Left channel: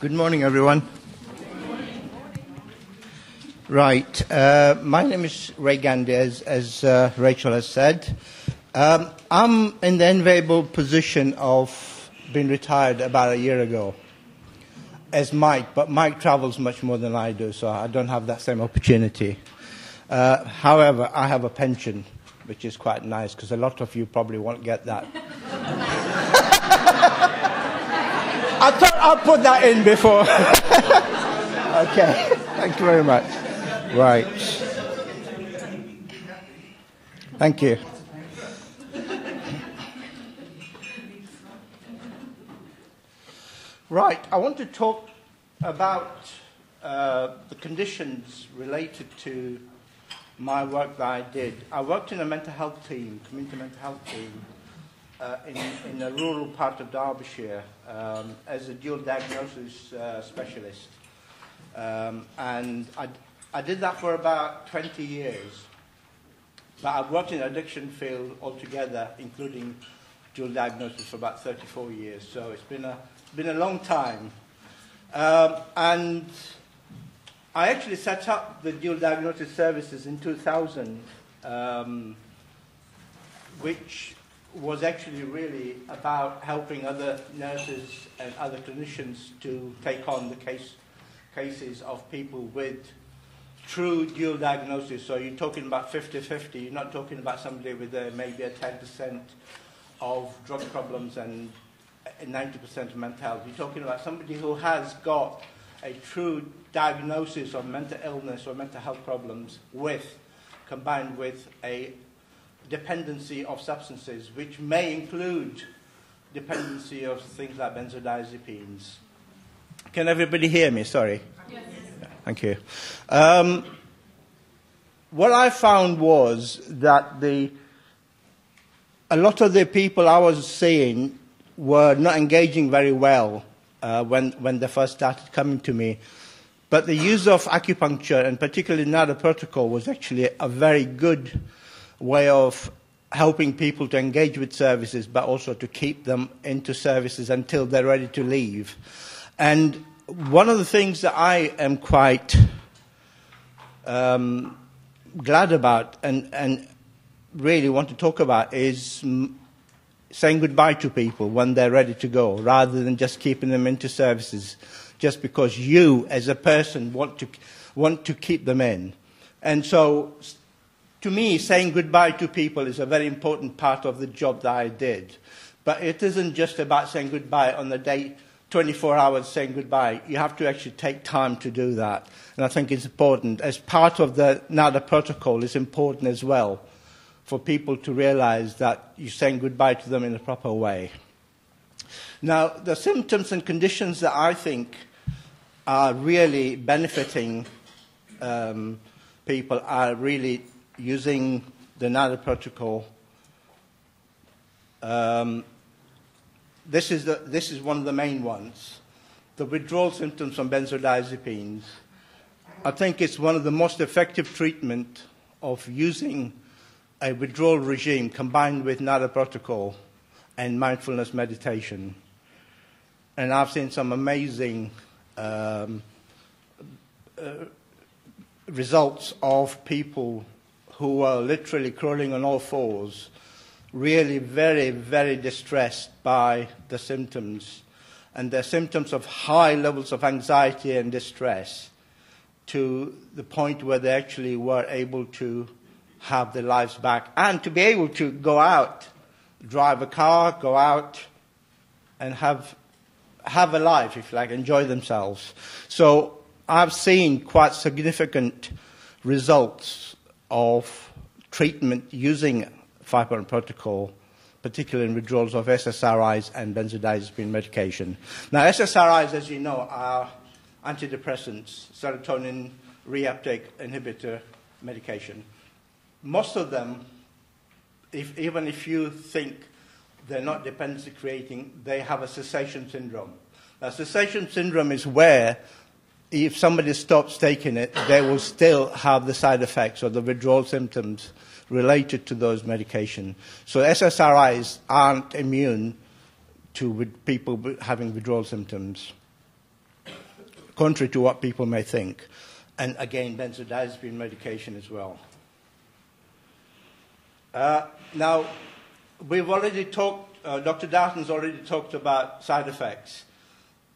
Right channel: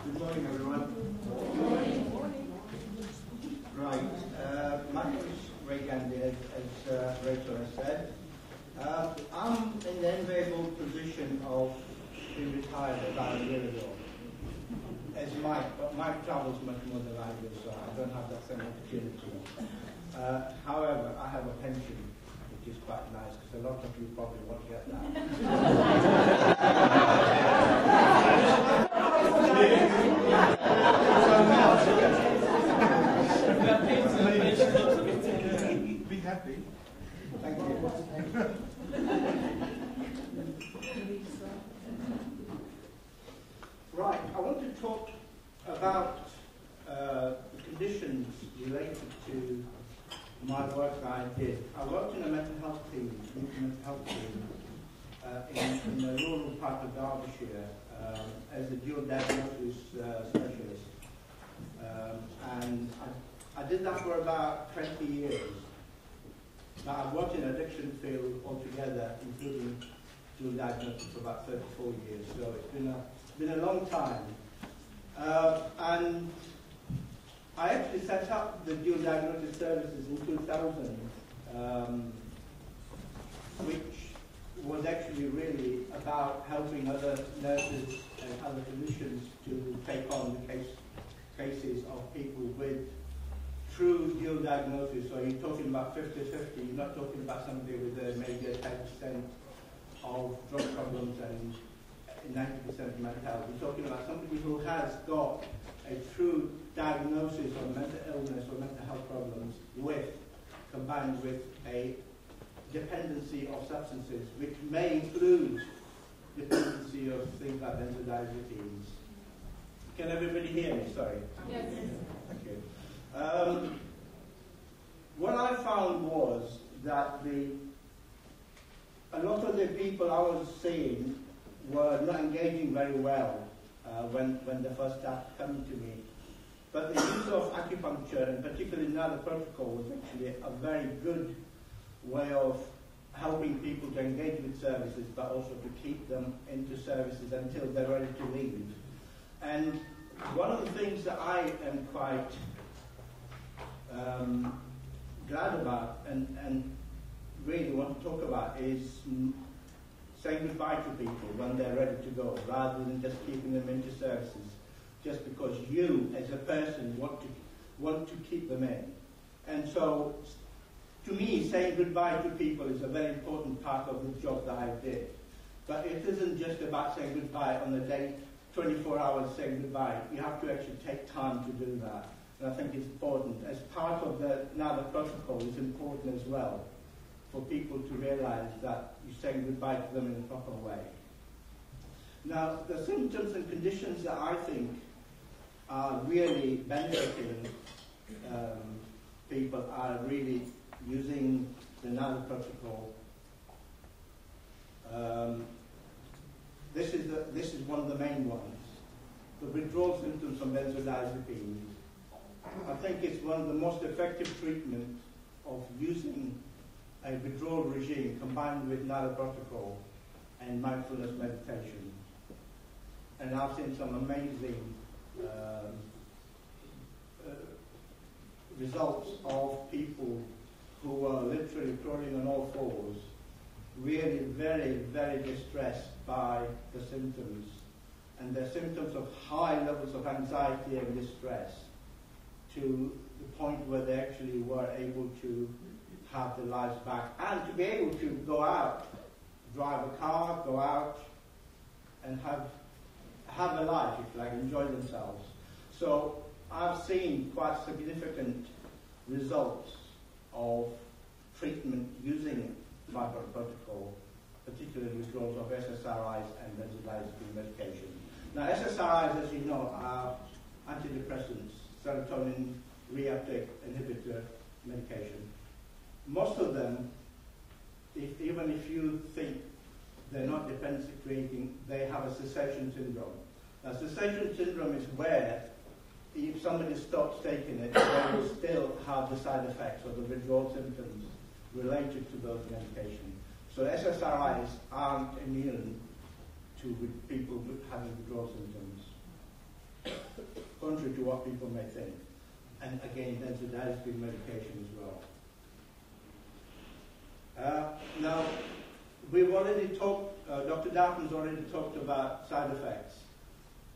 Good morning, everyone. Right. My name is Gandhi, as Rachel has said. I'm in the enviable position of being retired about a year ago as Mike, but Mike travels much more than I do, so I don't have that same opportunity. However, I have a pension, which is quite nice, because a lot of you probably won't get that. I thought I'll put that in before. Okay, thank you very much. Right. Thank you. Right, I want to talk about the conditions related to my work that I did. I worked in a mental health team, community mental health team, in the rural part of Derbyshire as a dual diagnosis specialist. And I did that for about 20 years. But I've worked in the addiction field altogether, including dual diagnosis, for about 34 years. So it's been a long time. And I actually set up the dual diagnosis services in 2000, which was actually really about helping other nurses and other clinicians to take on the cases of people with true dual diagnosis. So you're talking about 50-50. You're not talking about somebody with maybe a 10% of drug problems and 90% of mental health. You're talking about somebody who has got a true diagnosis of mental illness or mental health problems combined with a dependency of substances, which may include dependency of things like benzodiazepines. Can everybody hear me? Sorry. Yes. Thank you. What I found was that a lot of the people I was seeing were not engaging very well when they first started coming to me. But the use of acupuncture, and particularly NADA protocol, was actually a very good way of helping people to engage with services, but also to keep them into services until they're ready to leave. And one of the things that I am quite glad about and really want to talk about is saying goodbye to people when they're ready to go, rather than just keeping them into services just because you, as a person, want to keep them in. And so, to me, saying goodbye to people is a very important part of the job that I did. But it isn't just about saying goodbye on the day, 24 hours saying goodbye. You have to actually take time to do that. And I think it's important. As part of the NADA protocol, it's important as well for people to realize that you're saying goodbye to them in a proper way. Now, the symptoms and conditions that I think are really benefiting people are really using the NADA protocol. This is one of the main ones. The withdrawal symptoms from benzodiazepines. I think it's one of the most effective treatment of using a withdrawal regime combined with NADA protocol and mindfulness meditation. And I've seen some amazing results of people who are literally crawling on all fours, really very, very distressed by the symptoms, and the symptoms of high levels of anxiety and distress, to the point where they actually were able to have their lives back and to be able to go out, drive a car, go out and have a life, if you like, enjoy themselves. So I've seen quite significant results of treatment using 5-point protocol, particularly in withdrawals of SSRIs and benzodiazepine medication. Now, SSRIs, as you know, are antidepressants, serotonin reuptake inhibitor medication. Most of them, even if you think they're not dependency creating, they have a cessation syndrome. Now, cessation syndrome is where if somebody stops taking it, they will still have the side effects or the withdrawal symptoms related to those medications. So SSRIs aren't immune to people having withdrawal symptoms. contrary to what people may think. And again, benzodiazepine medication as well. Now, we've already talked, Dr. Darton's already talked about side effects.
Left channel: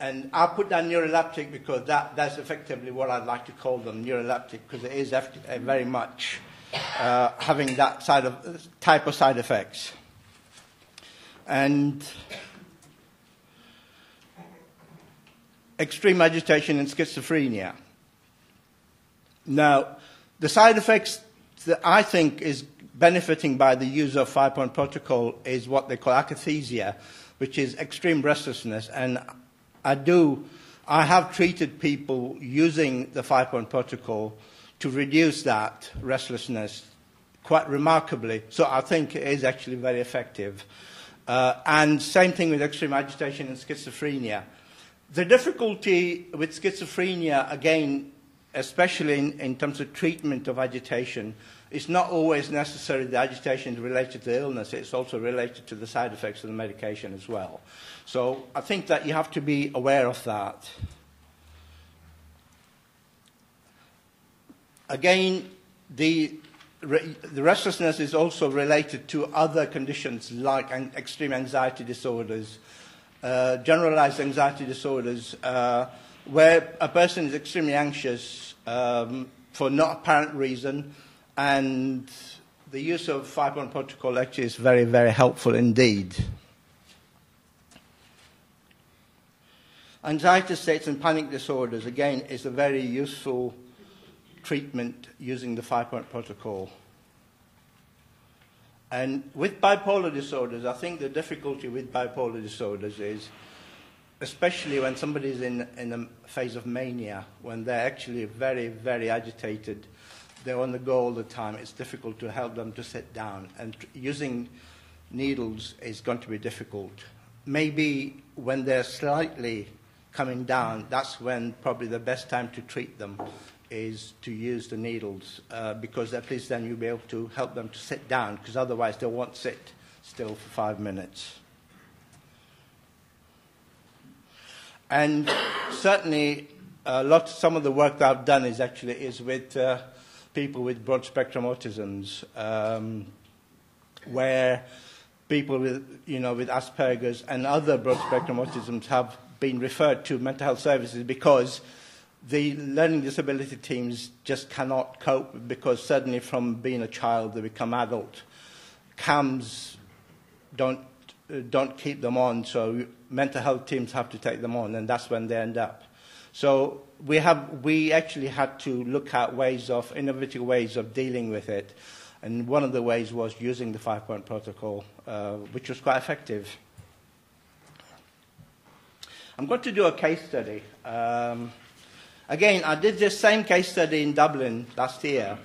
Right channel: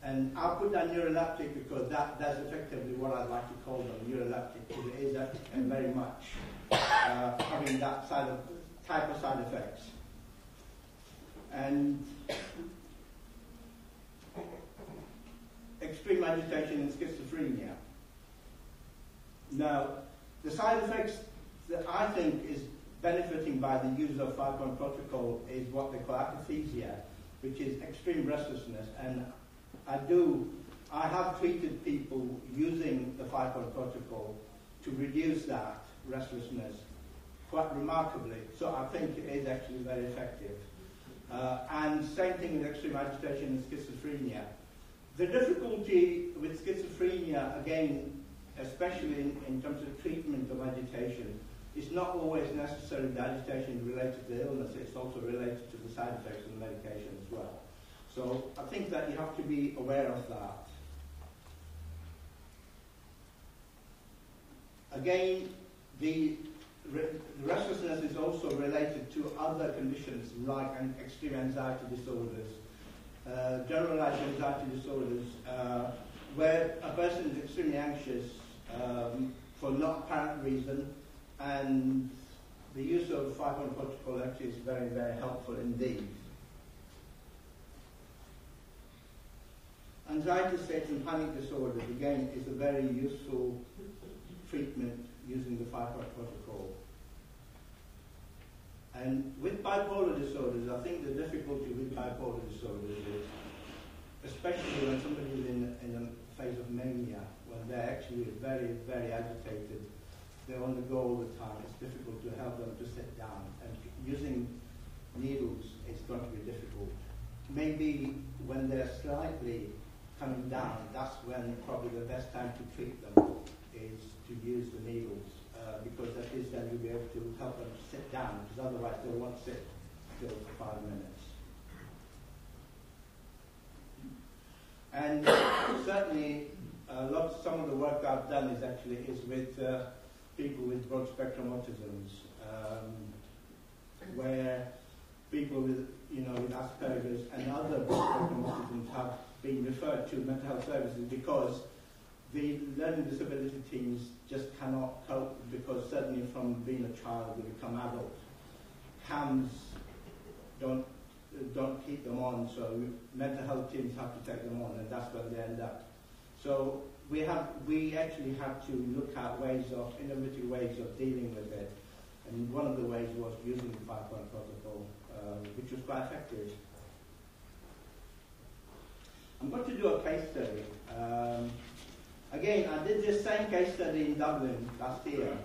And I'll put down neuroleptic because that's effectively what I'd like to call them, neuroleptic, because it is very much having that type of side effects. And extreme agitation and schizophrenia. Now, the side effects that I think is benefiting by the use of 5-point protocol is what they call akathisia, which is extreme restlessness. And I have treated people using the 5-point protocol to reduce that restlessness quite remarkably. So I think it is actually very effective. And same thing with extreme agitation and schizophrenia. The difficulty with schizophrenia, again, especially in terms of treatment of agitation, it's not always necessarily the agitation is related to the illness, it's also related to the side effects of the medication as well. So I think that you have to be aware of that. Again, the restlessness is also related to other conditions like extreme anxiety disorders, generalized anxiety disorders, where a person is extremely anxious for no apparent reason, and the use of 5-point protocol actually is very, very helpful indeed. Anxiety states and panic disorders, again, is a very useful treatment using the 5-point protocol. And with bipolar disorders, I think the difficulty with bipolar disorders is, especially when somebody is in a phase of mania, when they're actually very, very agitated, they're on the go all the time, it's difficult to help them to sit down. And using needles is going to be difficult. Maybe when they're slightly coming down, that's when probably the best time to treat them is to use the needles, because at least then you'll be able to help them to sit down, because otherwise they won't sit still for 5 minutes. And certainly, some of the work that I've done is with people with broad spectrum autisms, where people with Asperger's and other broad spectrum autisms have been referred to mental health services because the learning disability teams just cannot cope, because suddenly from being a child they become adult. CAMS don't keep them on, so mental health teams have to take them on, and that's when they end up. So we actually had to look at innovative ways of dealing with it, and one of the ways was using the 5-point protocol, which was quite effective. I'm going to do a case study. Again, I did this same case study in Dublin last year,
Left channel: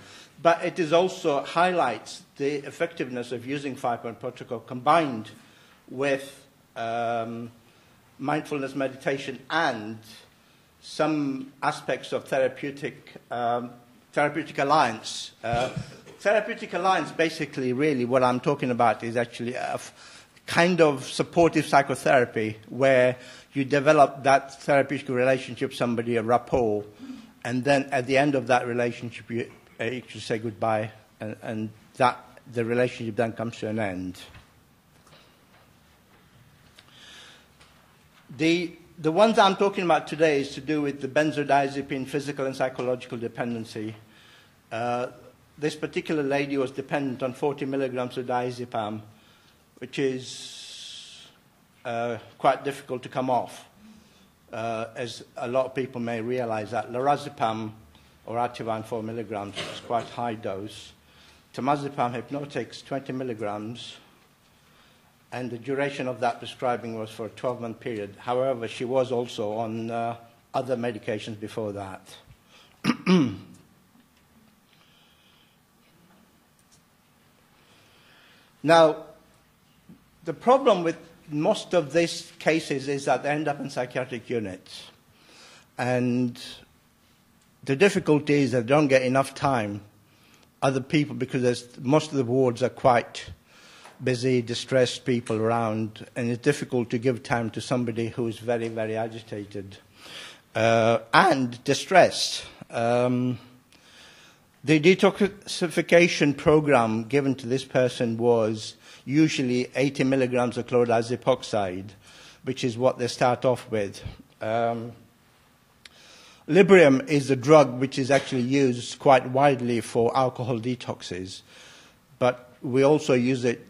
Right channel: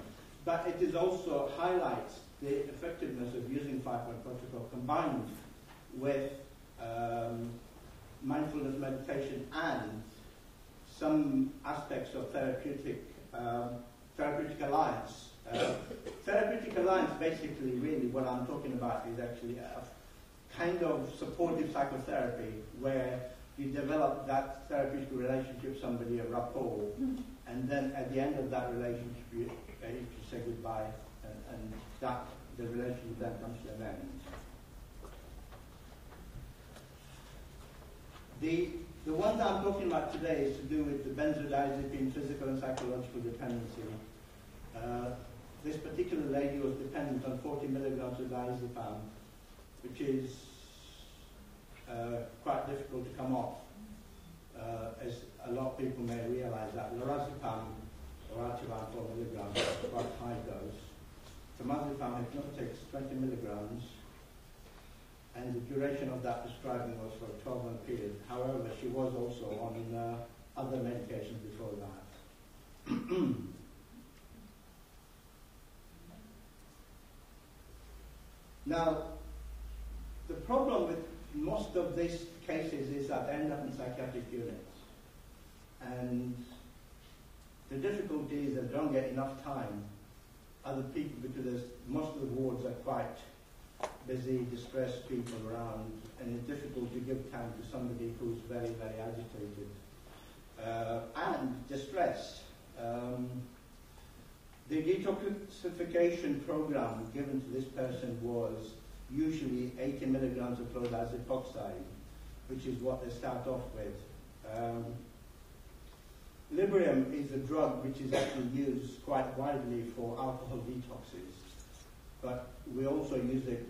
but it is also highlights the effectiveness of using 5-point protocol combined with mindfulness meditation and some aspects of therapeutic alliance. Therapeutic alliance, basically, really what I'm talking about is actually a kind of supportive psychotherapy where you develop that therapeutic relationship with somebody, a rapport, and then at the end of that relationship you say goodbye, and that the relationship then comes to an end. The ones I'm talking about today is to do with the benzodiazepine physical and psychological dependency. This particular lady was dependent on 40 milligrams of diazepam, which is quite difficult to come off, as a lot of people may realize that. Lorazepam or Ativan 4 milligrams is quite high dose. Temazepam hypnotics 20 milligrams, and the duration of that prescribing was for a 12-month period. However, she was also on other medications before that. Now, the problem with most of these cases is that they end up in psychiatric units. And the difficulty is that they don't get enough time, other people, because most of the wards are quite busy, distressed people around, and it's difficult to give time to somebody who's very, very agitated. and distressed. The detoxification program given to this person was usually 80 milligrams of chloride epoxide, which is what they start off with. Librium is a drug which is actually used quite widely for alcohol detoxes, but we also use it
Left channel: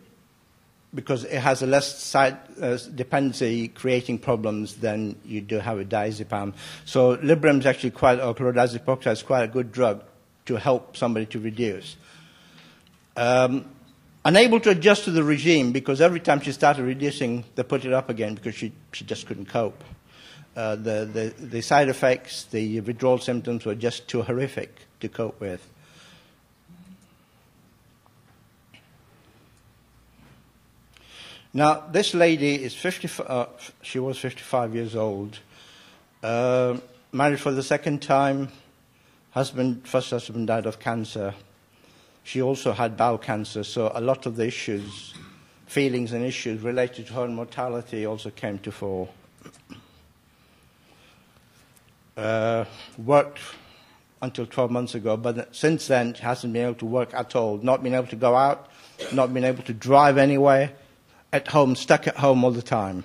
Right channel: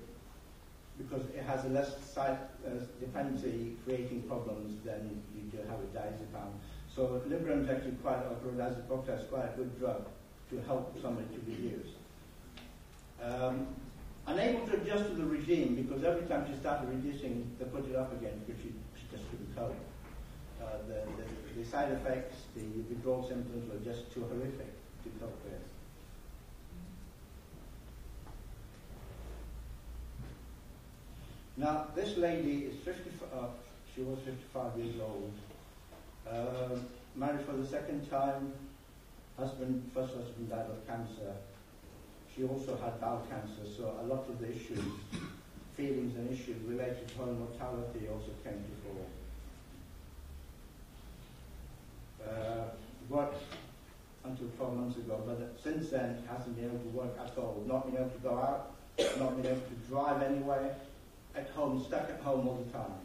because it has a less side dependency creating problems than you do have with diazepam. So Librium is actually quite, or chloride epoxide is quite a good drug to help somebody to reduce. Unable to adjust to the regime because every time she started reducing, they put it up again because she just couldn't cope. The side effects, the withdrawal symptoms were just too horrific to cope with. Now, this lady is she was 55 years old, married for the second time. First husband died of cancer. She also had bowel cancer, so a lot of the issues, feelings and issues related to her mortality also came to fore. Worked until 12 months ago, but since then she hasn't been able to work at all, not been able to go out, not been able to drive anywhere, at home, stuck at home all the time.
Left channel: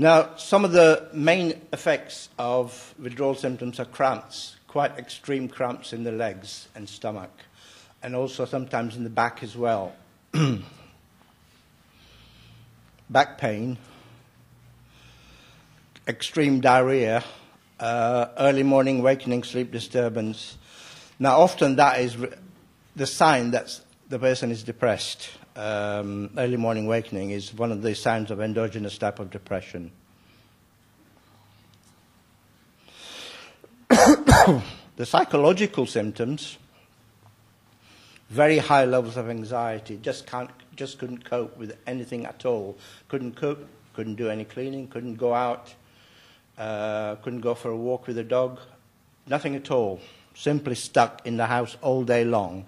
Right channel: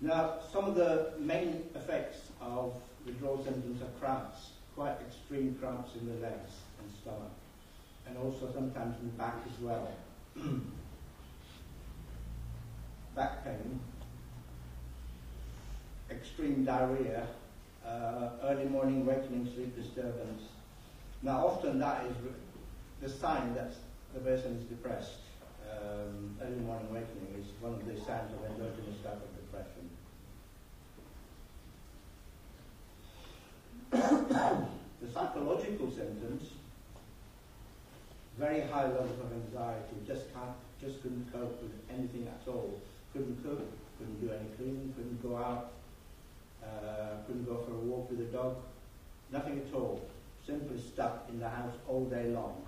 Now, some of the main effects of withdrawal symptoms are cramps, quite extreme cramps in the legs and stomach, and also sometimes in the back as well. Back pain, extreme diarrhea, early morning awakening, sleep disturbance. Now, often that is the sign that the person is depressed. Early morning awakening is one of the signs of endogenous type of depression. The psychological symptoms, very high levels of anxiety, just couldn't cope with anything at all. Couldn't cook, couldn't do any cleaning, couldn't go out, couldn't go for a walk with the dog, nothing at all. Simply stuck in the house all day long.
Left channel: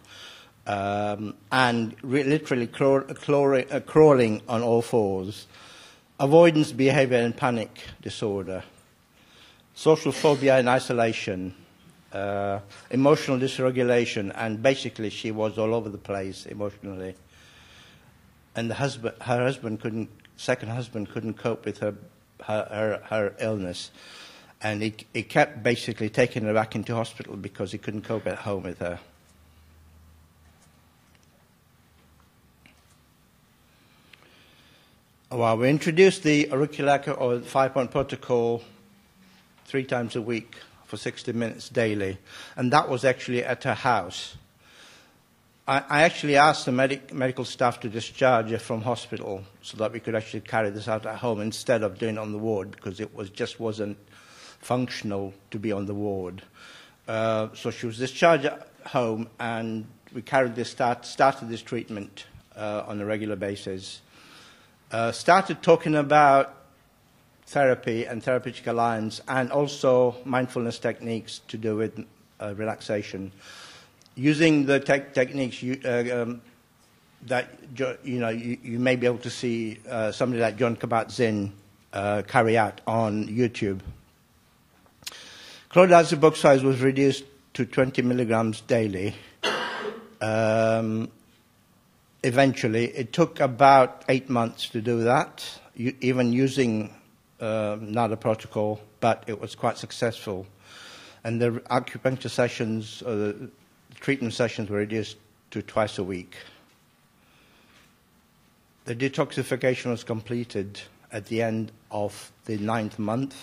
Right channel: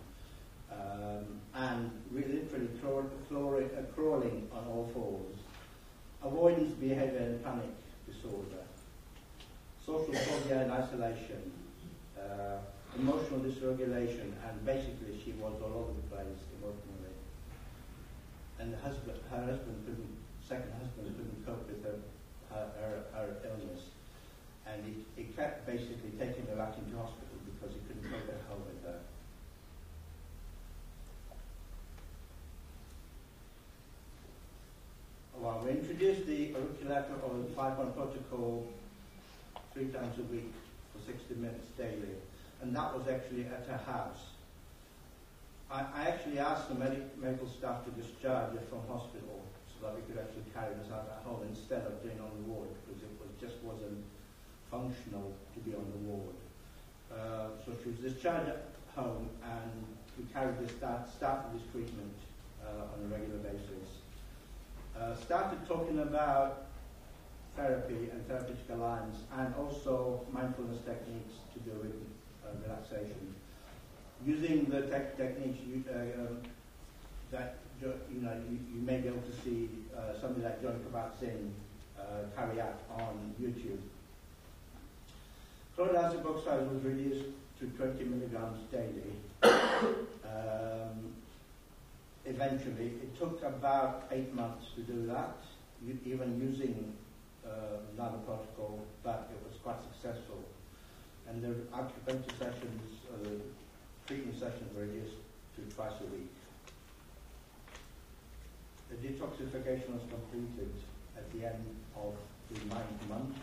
And literally crawling on all fours. Avoidance behavior and panic disorder. Social phobia and isolation. Emotional dysregulation. And basically she was all over the place emotionally. And her second husband couldn't cope with her illness. And he kept basically taking her back into hospital because he couldn't cope at home with her. Well, we introduced the auricular or the 5-point protocol 3 times a week for 60 minutes daily, and that was actually at her house. I actually asked the medical staff to discharge her from hospital so that we could actually carry this out at home instead of doing it on the ward because it just wasn't functional to be on the ward. So she was discharged at home, and we started this treatment on a regular basis. Started talking about therapy and therapeutic alliance, and also mindfulness techniques to do with relaxation. Using the techniques that you may be able to see somebody like John Kabat-Zinn carry out on YouTube. Chloride epoxide was reduced to 20 milligrams daily. Eventually, it took about 8 months to do that, even using NADA protocol, but it was quite successful. And the acupuncture sessions, or the treatment sessions, were reduced to twice a week. The detoxification was completed at the end of the 9th month,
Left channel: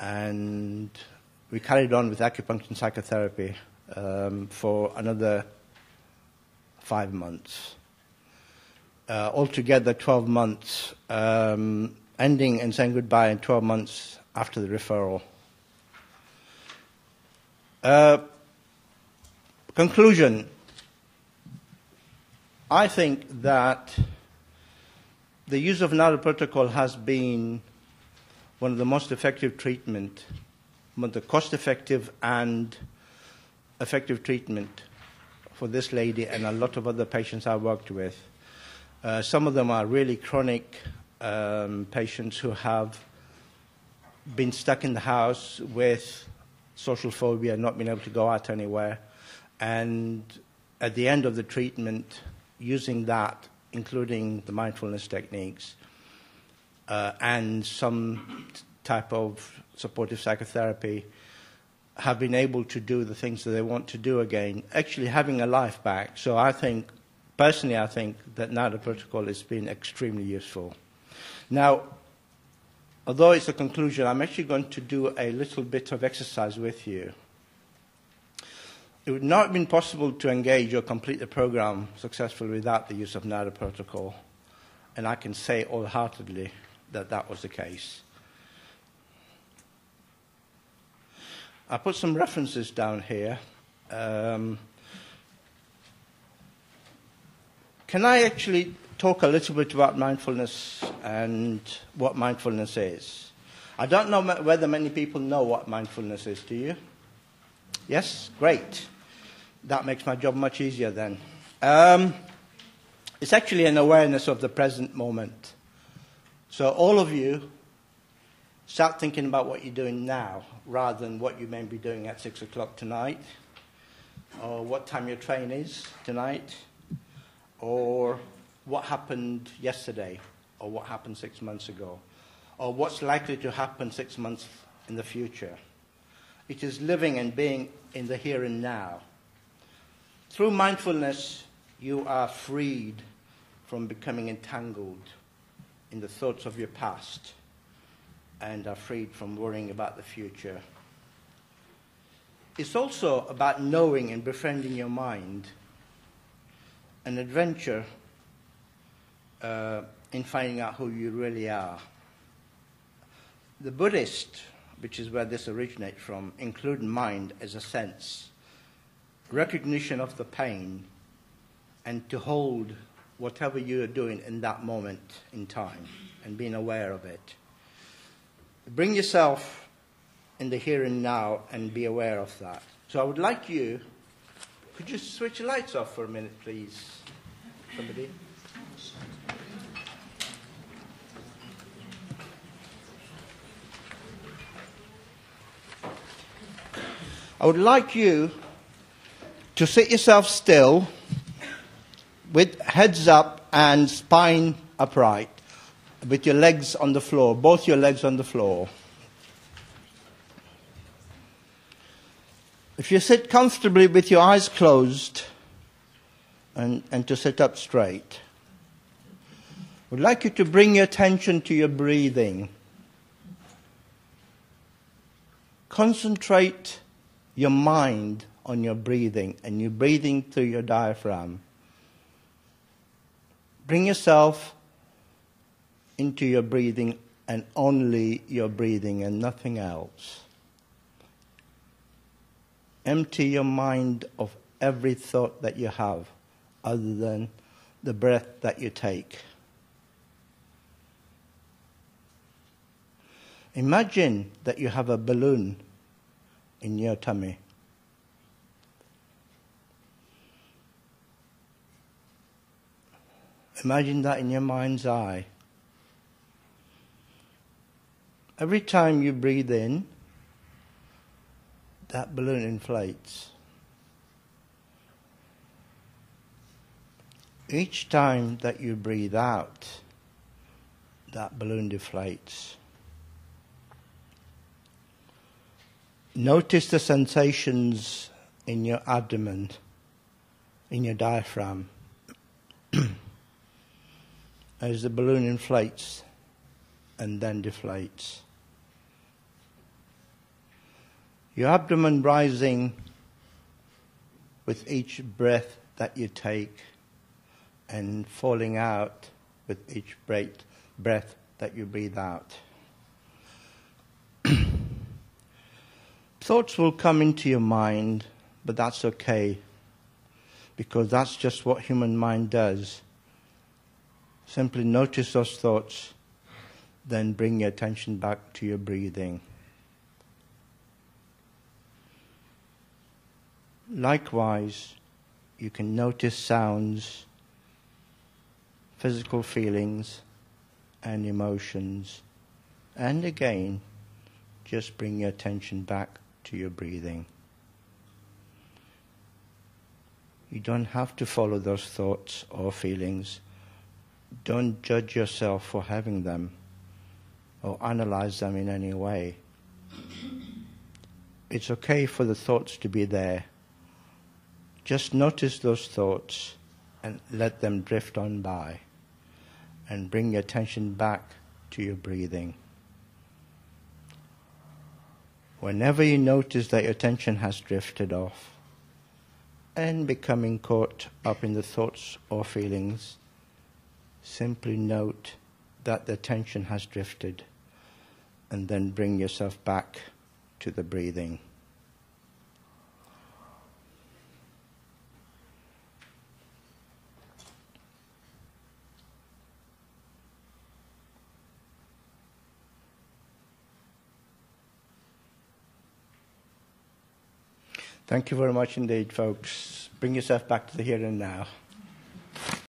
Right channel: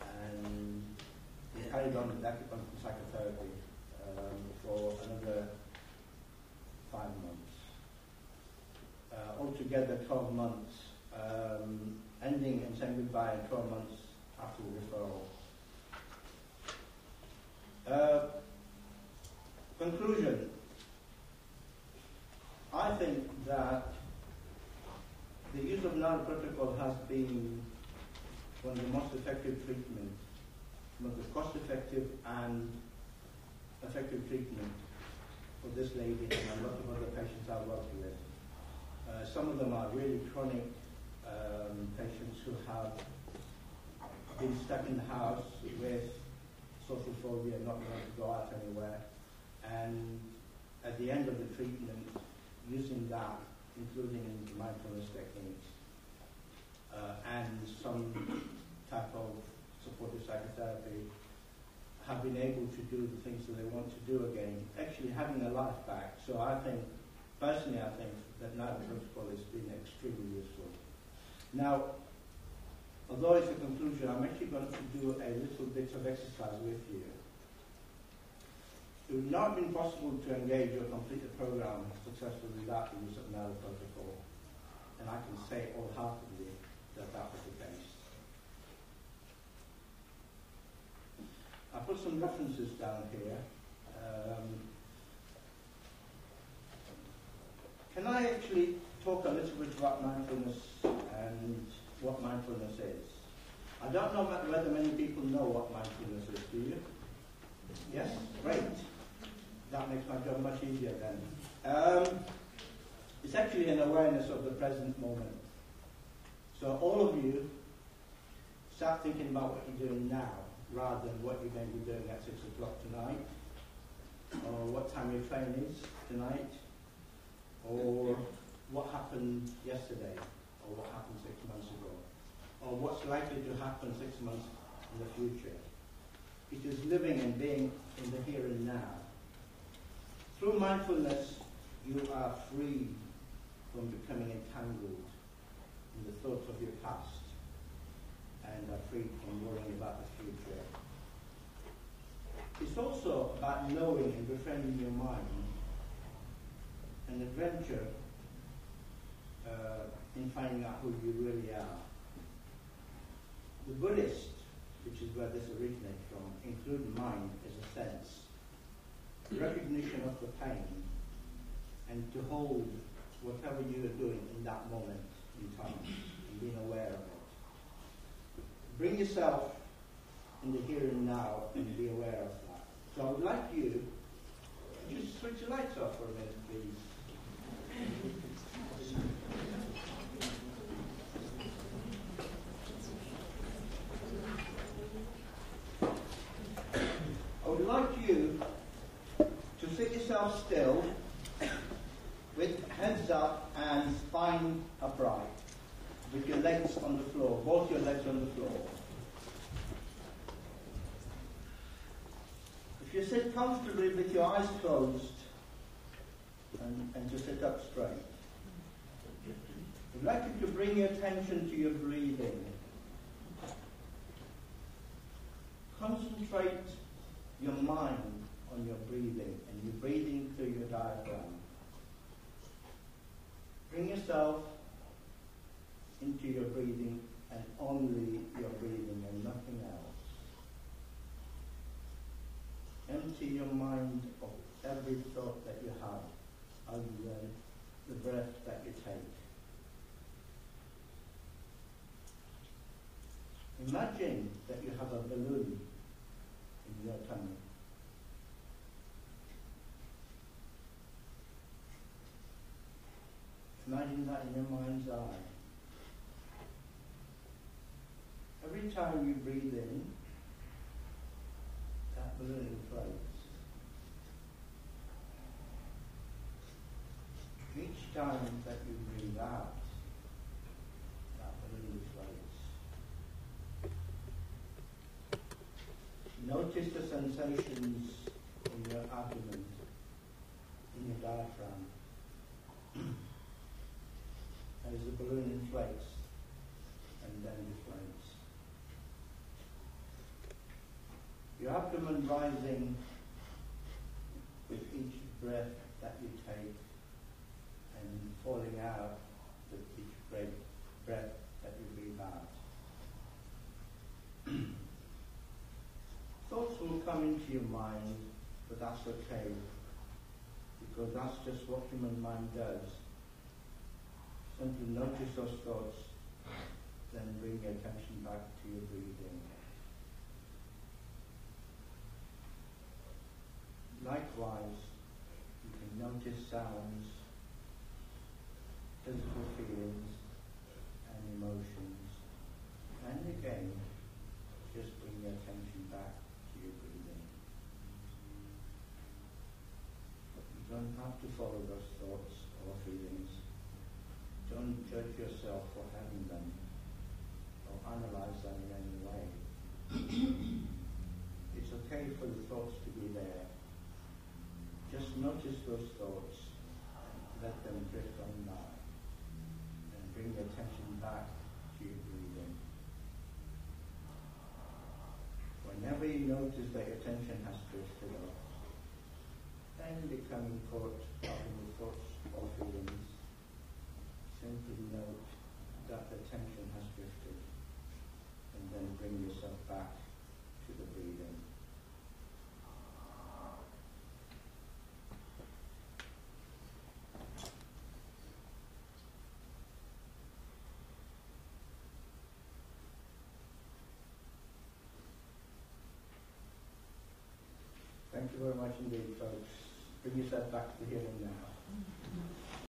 and we carried on with acupuncture and psychotherapy for another 5 months. Altogether 12 months, ending and saying goodbye in 12 months after the referral. Conclusion. I think that the use of NADA protocol has been one of the most effective treatment, one of the cost-effective and effective treatment for this lady and a lot of other patients I've worked with. Some of them are really chronic patients who have been stuck in the house with social phobia, not being able to go out anywhere, and at the end of the treatment, using that, including the mindfulness techniques, and some type of supportive psychotherapy, have been able to do the things that they want to do again, actually having a life back. So I think, personally, I think that NADA protocol has been extremely useful. Now, although it's a conclusion, I'm actually going to do a little bit of exercise with you. It would not have been possible to engage or complete the program successfully without the use of NADA protocol, and I can say wholeheartedly that that was the case. I put some references down here. Can I actually talk a little bit about mindfulness and what mindfulness is? I don't know whether many people know what mindfulness is. Do you? Yes? Great. That makes my job much easier then. It's actually an awareness of the present moment. So all of you, start thinking about what you're doing now, rather than what you may be doing at 6 o'clock tonight, or what time your train is tonight, or what happened yesterday, or what happened 6 months ago, or what's likely to happen 6 months in the future. It is living and being in the here and now. Through mindfulness, you are freed from becoming entangled in the thoughts of your past, and are freed from worrying about the future. It's also about knowing and befriending your mind, an adventure in finding out who you really are. The Buddhist, which is where this originates from, include mind as a sense, recognition of the pain, and to hold whatever you are doing in that moment in time, and being aware of it. Bring yourself in the here and now and be aware of that. So I would like you, could you switch the lights off for a minute, please? Somebody? I would like you to sit yourself still with heads up and spine upright, with your legs on the floor, both your legs on the floor. If you sit comfortably with your eyes closed and to sit up straight, I would like you to bring your attention to your breathing. Concentrate your mind on your breathing, and you're breathing through your diaphragm. Bring yourself into your breathing, and only your breathing and nothing else. Empty your mind of every thought that you have other than the breath that you take. Imagine that you have a balloon in your tummy. Imagine that in your mind's eye. Every time you breathe in, that balloon inflates. Each time that you breathe out, that balloon deflates. Notice the sensations in your abdomen, in your diaphragm, as the balloon inflates and then deflates. Your abdomen rising with each breath that you take, and falling out with each breath that you breathe out. Thoughts will come into your mind, but that's okay, because that's just what human mind does. Simply notice those thoughts, then bring your attention back to your breathing. Likewise, you can notice sounds physical feelings and emotions. And again, just bring your attention back to your breathing. You don't have to follow those thoughts or feelings. Don't judge yourself for having them or analyze them in any way. It's okay for the thoughts to be there. Just notice those thoughts and let them drift on by. And bring your attention back to your breathing. Whenever you notice that your attention has drifted off and becoming caught up in the thoughts or feelings, simply note that the attention has drifted and then bring yourself back to the breathing. Thank you very much indeed, folks. Bring yourself back to the here and now.